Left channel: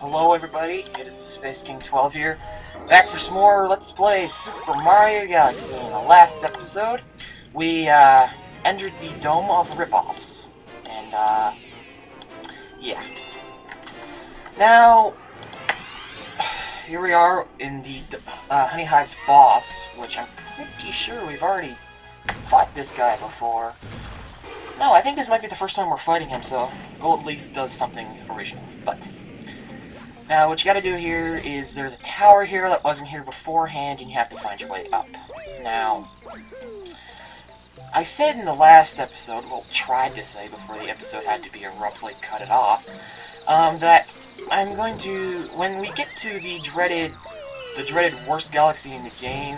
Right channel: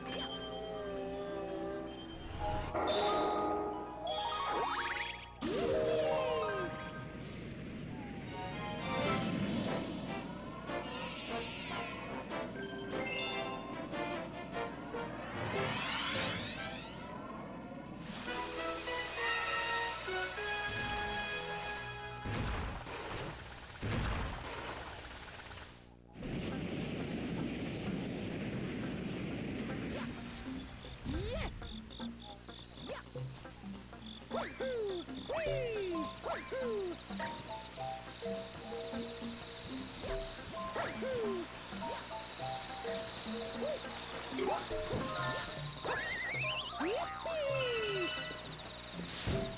Hello everybody, it is the Space King 12 here, back for some more Let's Play Super Mario Galaxy. In the last episode, we entered the Dome of Ripoffs, and yeah. Now, here we are in the Honey Hive's boss, which I'm pretty sure we've already fought this guy before. No, I think this might be the first time we're fighting him, so Gold Leaf does something original, but... Now, what you gotta do here is there's a tower here that wasn't here beforehand, and you have to find your way up. Now, I said in the last episode, well, tried to say before the episode had to be abruptly cut it off, that I'm going to, when we get to the dreaded worst galaxy in the game,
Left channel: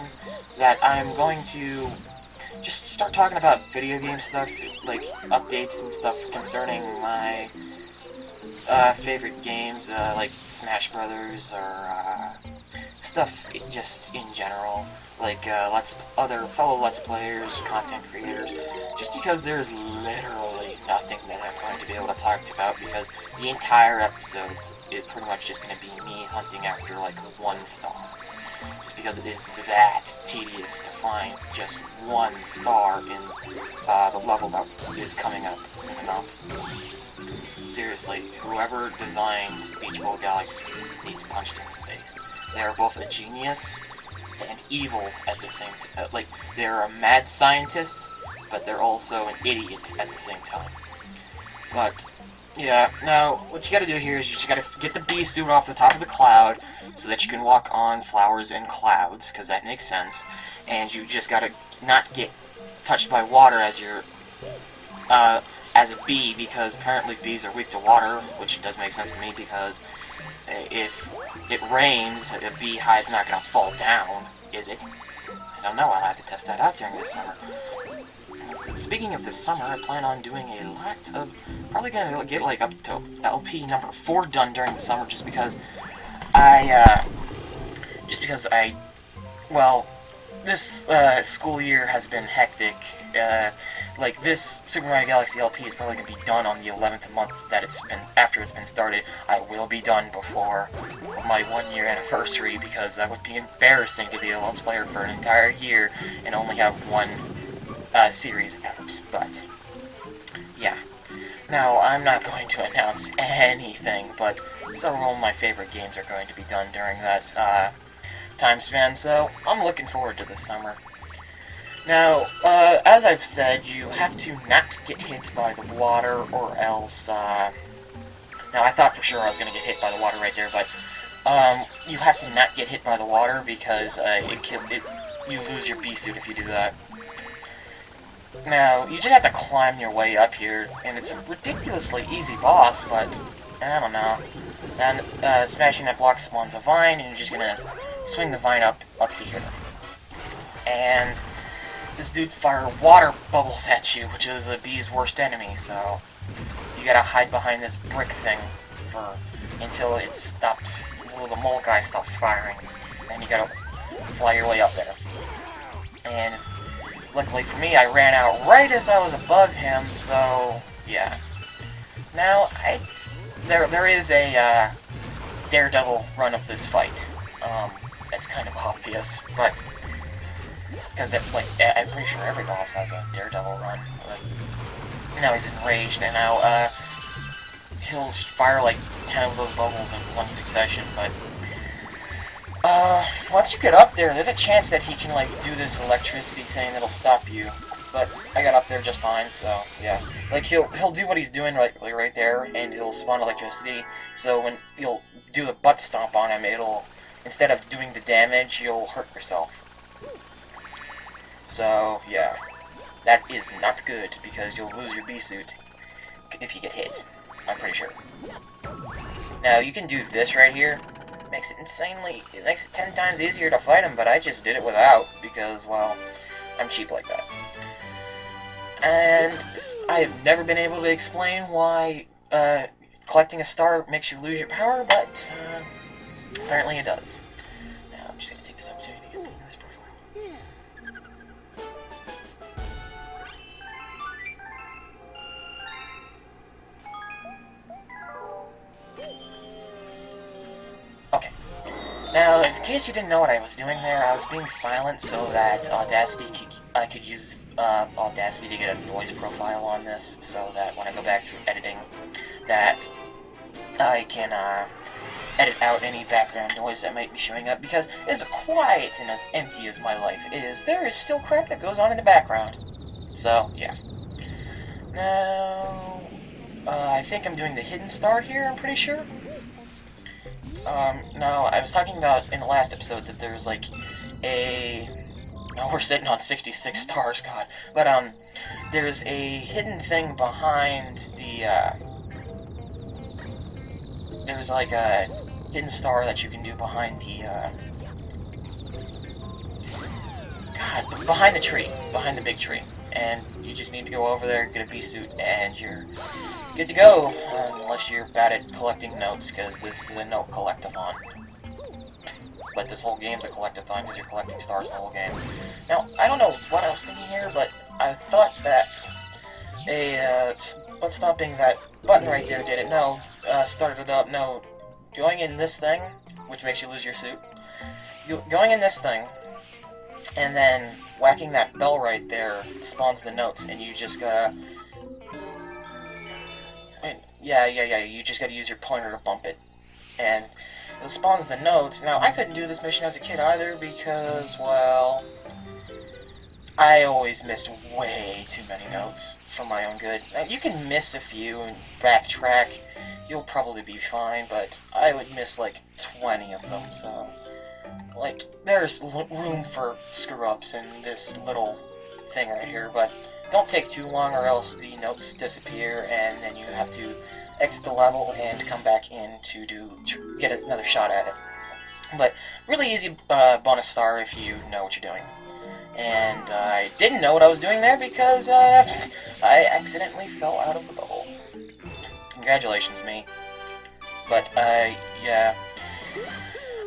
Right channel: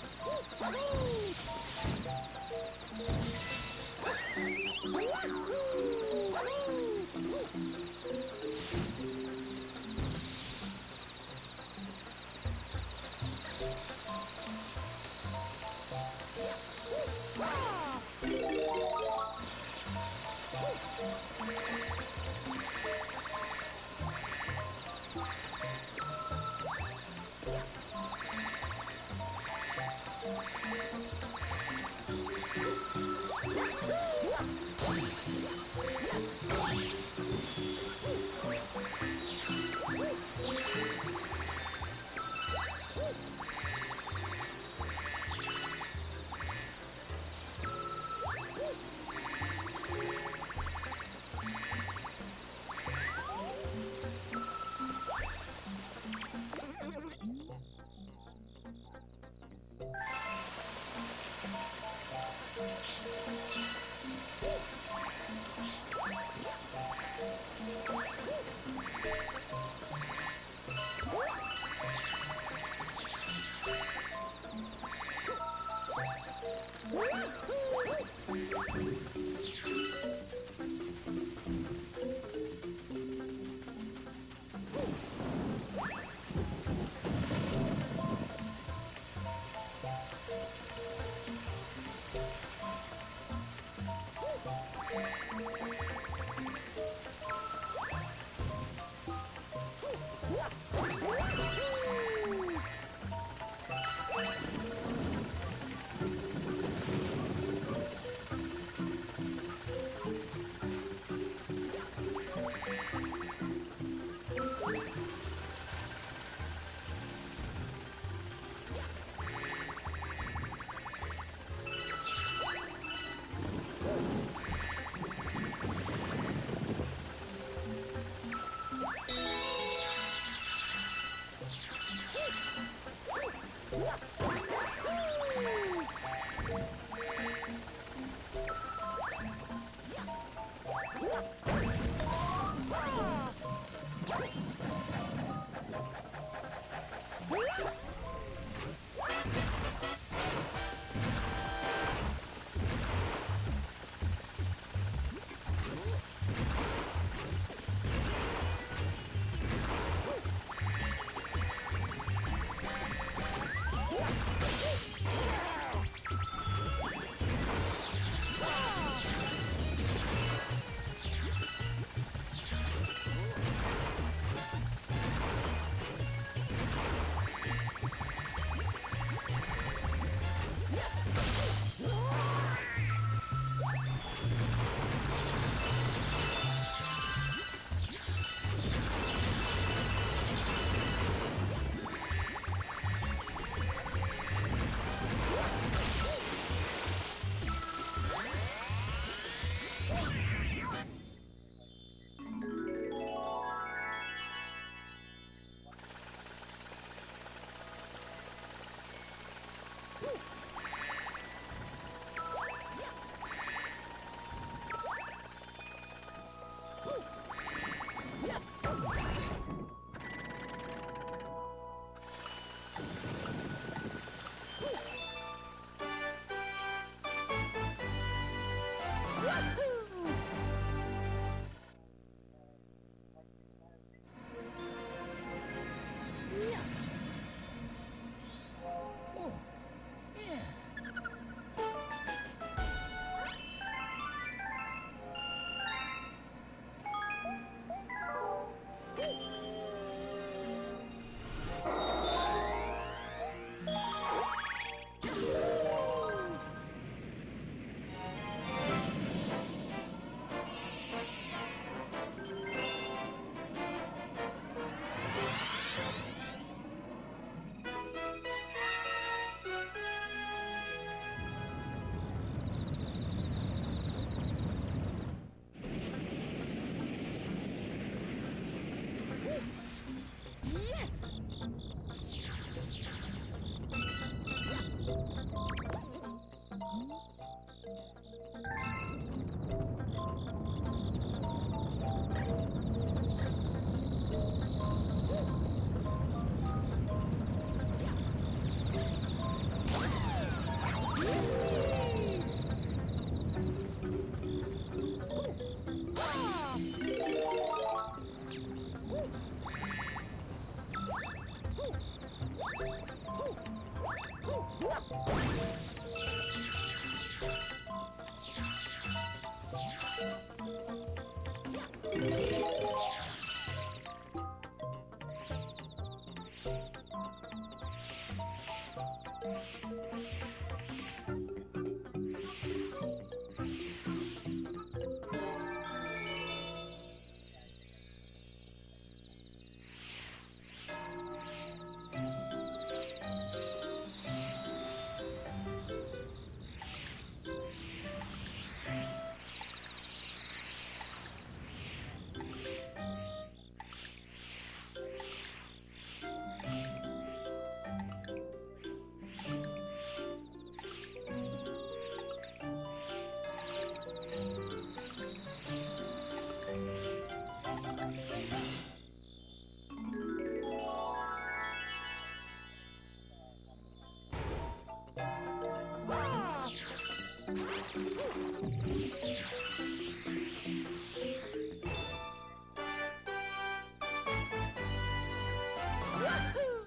that I'm going to just start talking about video game stuff, like updates and stuff concerning my favorite games, like Smash Brothers, or stuff just in general, like other fellow Let's Players, content creators, just because there's literally nothing that I'm going to be able to talk about, because the entire episode is pretty much just going to be me hunting after like one star. Just because it is that tedious to find just one star in the level that is coming up soon enough. Seriously, whoever designed Beach Ball Galaxy needs punched in the face. They are both a genius and evil at the same time. Like, they're a mad scientist, but they're also an idiot at the same time. But, yeah, now, what you gotta do here is you just gotta get the bee suit off the top of the cloud so that you can walk on flowers and clouds, because that makes sense. And you just gotta not get touched by water as you're, as a bee, because apparently bees are weak to water, which does make sense to me, because if it rains, a beehive's not gonna fall down, is it? I don't know, I'll have to test that out during this summer. Speaking of this summer, I plan on doing a lot of, probably gonna get like up to LP number 4 done during the summer, just because well, this school year has been hectic. Like, this Super Mario Galaxy LP is probably going to be done on the 11th month that it's been, after it's been started. I will be done before my 1-year anniversary, because that would be embarrassing to be a Let's Player for an entire year and only have one series out. But, yeah. Now, I'm not going to announce anything, but several of my favorite games are going to be done during that time span, so I'm looking forward to this summer. Now, as I've said, you have to not get hit by the water, or else, now I thought for sure I was going to get hit by the water right there, but, you have to not get hit by the water, because, you lose your bee suit if you do that. Now, you just have to climb your way up here, and it's a ridiculously easy boss, but, I don't know. And, smashing that block spawns a vine, and you're just gonna swing the vine up to you. And this dude fires water bubbles at you, which is a bee's worst enemy, so you gotta hide behind this brick thing until it stops, until the mole guy stops firing, and you gotta fly your way up there. And luckily for me, I ran out right as I was above him, so yeah. Now, there is a Daredevil run of this fight. That's kind of obvious, but because I'm pretty sure every boss has a Daredevil run. But now he's enraged, and now he'll fire like 10 of those bubbles in one succession. But once you get up there, there's a chance that he can like do this electricity thing that'll stop you. But I got up there just fine, so yeah. Like he'll do what he's doing right there, and it'll spawn electricity. So when you'll do the butt stomp on him, it'll, instead of doing the damage, you'll hurt yourself. So, yeah, that is not good, because you'll lose your bee suit if you get hit, I'm pretty sure. Now, you can do this right here. It makes it 10 times easier to fight him, but I just did it without, because, well, I'm cheap like that. And I have never been able to explain why collecting a star makes you lose your power, but apparently it does. Now, I'm just going to take this opportunity to get to this profile. case you didn't know what I was doing there, I was being silent so that I could use Audacity to get a voice profile on this, so that when I go back to editing, that I can edit out any background noise that might be showing up, because as quiet and as empty as my life is, there is still crap that goes on in the background. So, yeah. Now, I think I'm doing the hidden star here, I'm pretty sure. No, I was talking about in the last episode that there's like we're sitting on 66 stars, God. But, there's a hidden thing behind the, there's like a hidden star that you can do behind the, God, behind the tree, behind the big tree. And you just need to go over there, get a bee suit, and you're good to go, unless you're bad at collecting notes, because this is a note collectathon. But this whole game's a collectathon, because you're collecting stars the whole game. Now, I don't know what I was thinking here, but I thought that one stomping that button right there did it. No, started it up. No, going in this thing, which makes you lose your suit. Going in this thing, and then whacking that bell right there spawns the notes, and you just gotta... Yeah, you just gotta use your pointer to bump it. And it spawns the notes. Now, I couldn't do this mission as a kid either because, well, I always missed way too many notes for my own good. You can miss a few and backtrack, you'll probably be fine, but I would miss like 20 of them, so... Like, there's room for screw-ups in this little thing right here, but don't take too long or else the notes disappear and then you have to exit the level and come back in to get another shot at it. But really easy bonus star if you know what you're doing. And I didn't know what I was doing there because I accidentally fell out of the hole. Congratulations, me. But, yeah.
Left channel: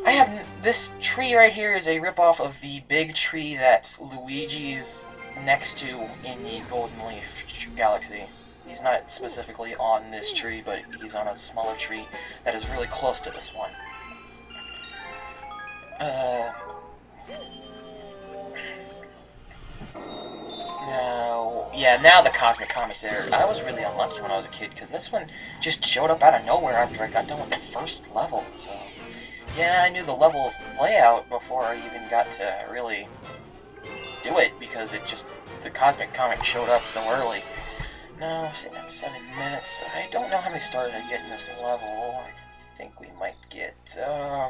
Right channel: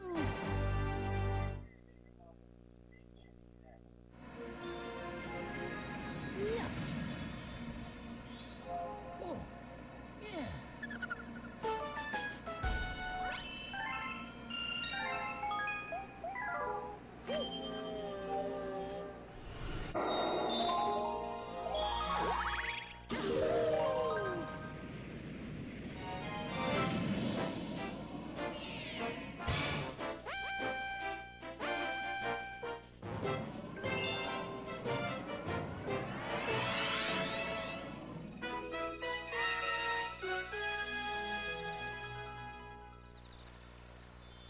I have... This tree right here is a ripoff of the big tree that Luigi is next to in the Golden Leaf Galaxy. He's not specifically on this tree, but he's on a smaller tree that is really close to this one. Now the Cosmic Comet's there. I was really unlucky when I was a kid, because this one just showed up out of nowhere after I got done with the first level, so... Yeah, I knew the level's layout before I even got to really do it, because the Cosmic Comet showed up so early. No, I'm sitting at 7 minutes. I don't know how many stars I get in this level. I think we might get, I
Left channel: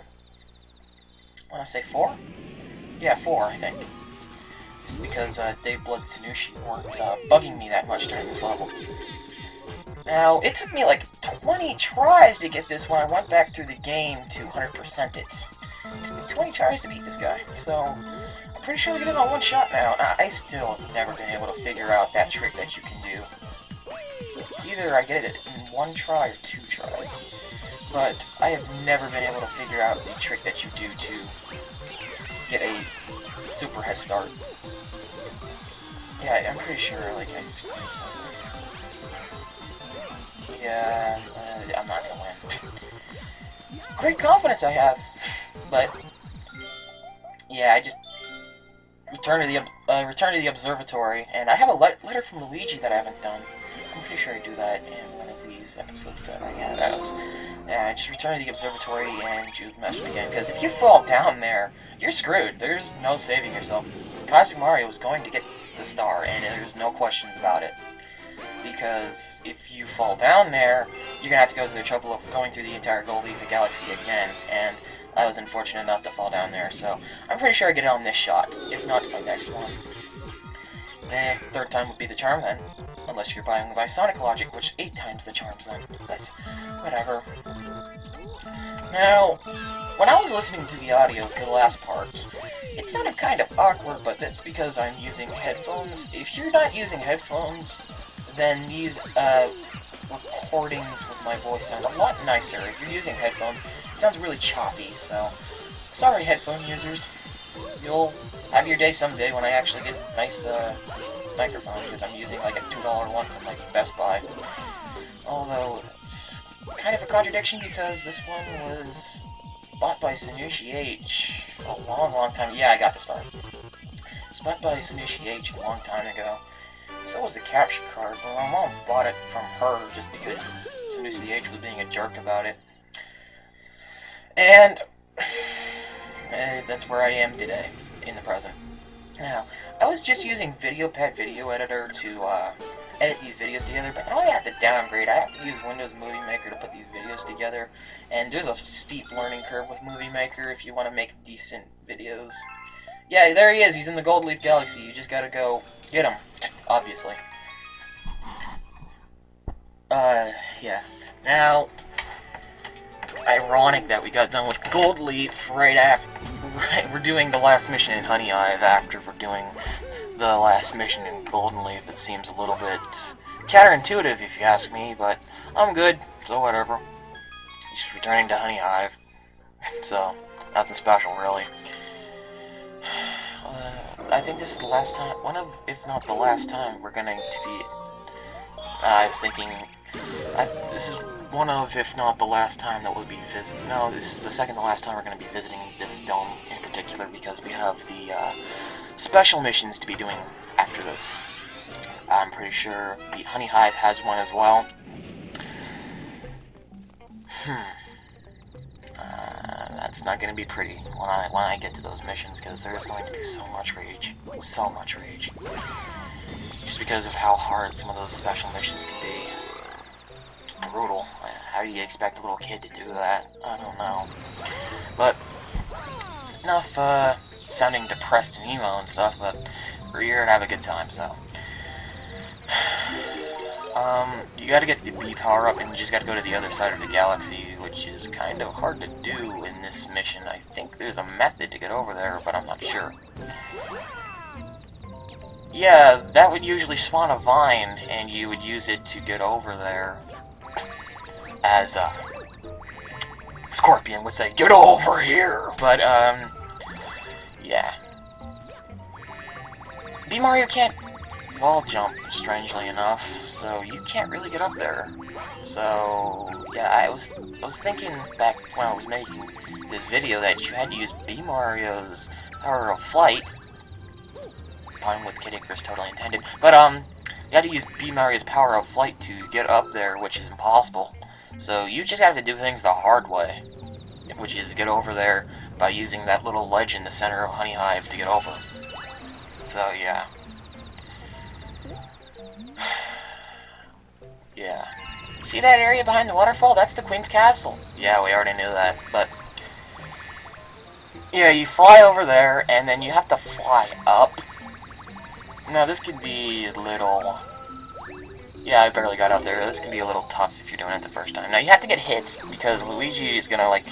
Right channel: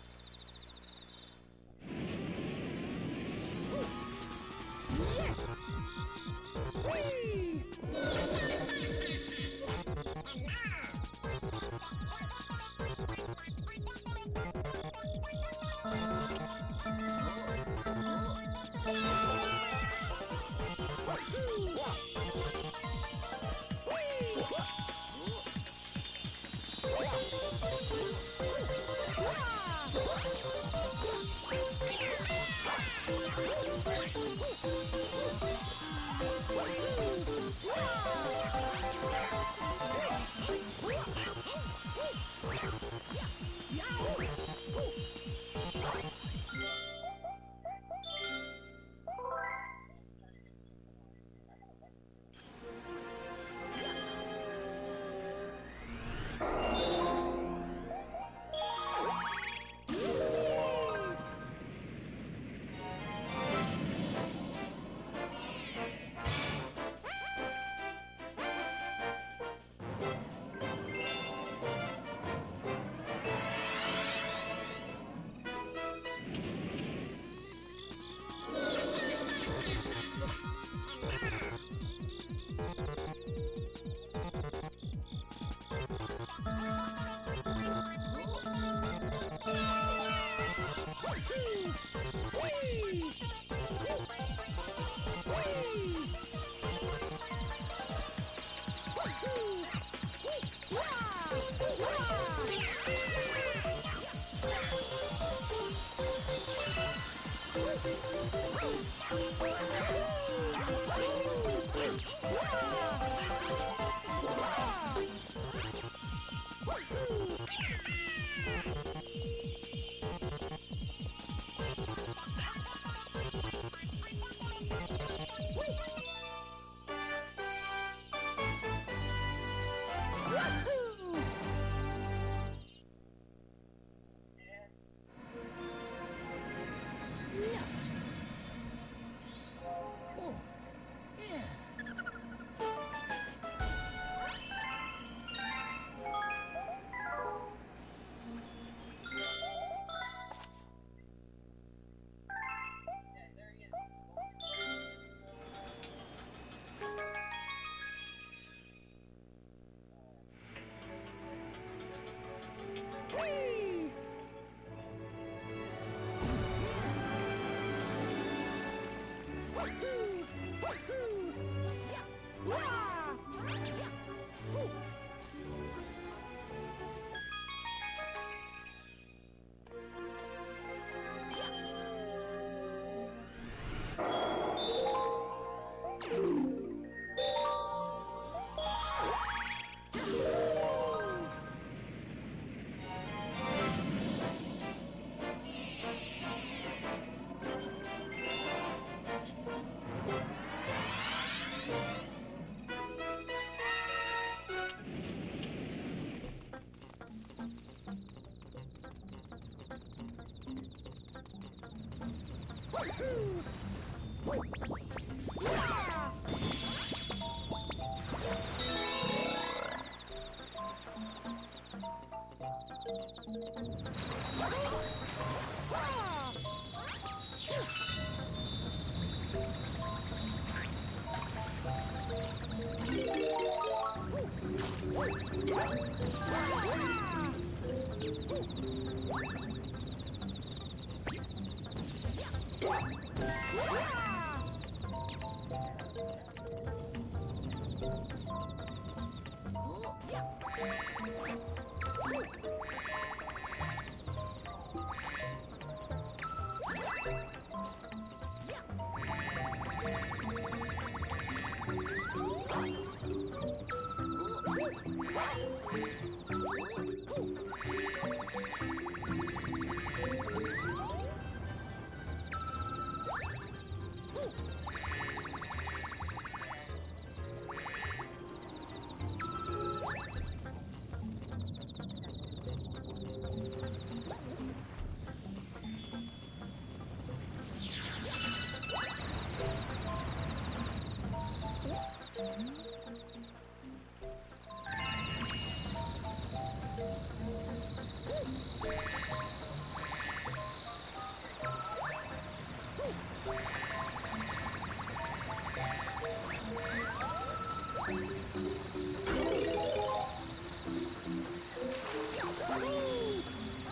want to say 4? Yeah, 4, I think. Just because Dave Blood Sanushi weren't bugging me that much during this level. Now, it took me like 20 tries to get this when I went back through the game to 100% it. It took me 20 tries to beat this guy, so I'm pretty sure we get it on one shot now. I still have never been able to figure out that trick that you can do. It's either I get it in 1 try or 2 tries, but I have never been able to figure out the trick that you do to get a super head start. Yeah, I'm pretty sure like I squeeze Yeah, I'm not gonna win. Great confidence I have, but yeah, I just return to the observatory, and I have a letter from Luigi that I haven't done. I'm pretty sure I do that in one of these episodes that I hand out. Yeah, I just return to the observatory and choose the message again, because if you fall down there, you're screwed. There's no saving yourself. Cosmic Mario is going to get the star, and there's no questions about it. Because if you fall down there, you're going to have to go through the trouble of going through the entire Golden Leaf Galaxy again, and I was unfortunate enough to fall down there, so I'm pretty sure I get it on this shot, if not my next one. And third time would be the charm then, unless you're buying by Sonic logic, which 8 times the charms then, but whatever. Now, when I was listening to the audio for the last part, it sounded kind of awkward, but that's because I'm using headphones. If you're not using headphones, then these recordings with my voice sound a lot nicer. If you're using headphones, it sounds really choppy, so sorry headphone users. you'll have your day someday when I actually get a nice microphone, because I'm using like a $2 one from like Best Buy. Although it's kind of a contradiction because this one was bought by Sanushi H a long time. Yeah, I got this one. It's bought by Sanushi H a long time ago. So was the capture card, but my mom bought it from her just because Sanusi H was being a jerk about it. And that's where I am today, in the present. Now, I was just using VideoPad Video Editor to edit these videos together, but now I have to downgrade. I have to use Windows Movie Maker to put these videos together, and there's a steep learning curve with Movie Maker if you want to make decent videos. Yeah, there he is. He's in the Gold Leaf Galaxy. You just gotta go get him, obviously. Yeah. Now, ironic that we got done with Gold Leaf right after. We're doing the last mission in Honey Hive after we're doing the last mission in Golden Leaf. It seems a little bit counterintuitive if you ask me, but I'm good, so whatever. Just returning to Honey Hive. So, nothing special really. I think this is the last time, one of, if not the last time, we're going to be, I was thinking, this is one of, if not the last time that we'll be visiting, no, this is the second to last time we're going to be visiting this dome in particular, because we have the special missions to be doing after this. I'm pretty sure the Honey Hive has one as well. That's not going to be pretty when I get to those missions, because there's going to be so much rage. So much rage. Just because of how hard some of those special missions can be. It's brutal. How do you expect a little kid to do that? I don't know. But, enough sounding depressed and emo and stuff, but we're here to have a good time, so. You gotta get the B power up, and you just gotta go to the other side of the galaxy, which is kind of hard to do in this mission. I think there's a method to get over there, but I'm not sure. Yeah, that would usually spawn a vine, and you would use it to get over there. As, Scorpion would say, "Get over here!" But, yeah. B Mario can't wall jump, strangely enough, so you can't really get up there. So yeah, I was thinking back when I was making this video that you had to use B Mario's power of flight. Pun with Kid Icarus totally intended. But you had to use B Mario's power of flight to get up there, which is impossible. So you just have to do things the hard way, which is get over there by using that little ledge in the center of Honey Hive to get over. So yeah. Yeah. See that area behind the waterfall? That's the Queen's Castle. Yeah, we already knew that, but yeah, you fly over there, and then you have to fly up. Now, this could be a little... Yeah, I barely got out there. This could be a little tough if you're doing it the first time. Now, you have to get hit, because Luigi is gonna, like,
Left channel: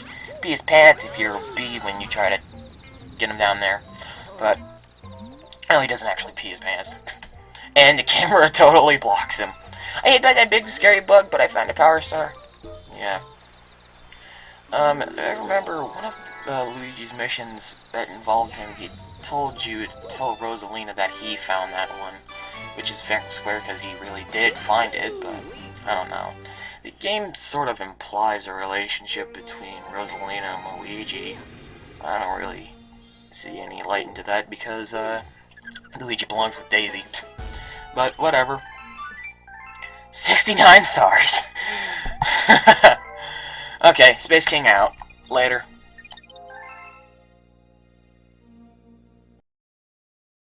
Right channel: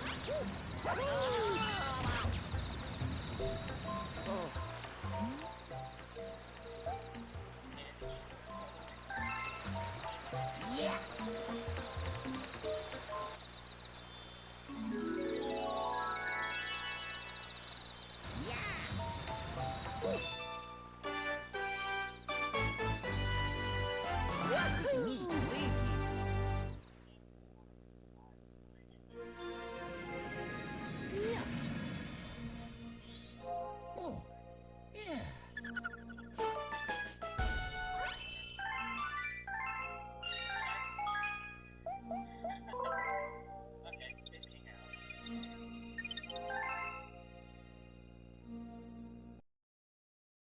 pee his pants if you're B when you try to get him down there. But, no, he doesn't actually pee his pants. And the camera totally blocks him. I hate that big scary bug, but I found a power star. Yeah. I remember one of Luigi's missions that involved him, he told you to tell Rosalina that he found that one. Which is fair and square because he really did find it, but I don't know. The game sort of implies a relationship between Rosalina and Luigi. I don't really see any light into that because Luigi belongs with Daisy. But whatever. 69 stars. Okay, Space King out. Later.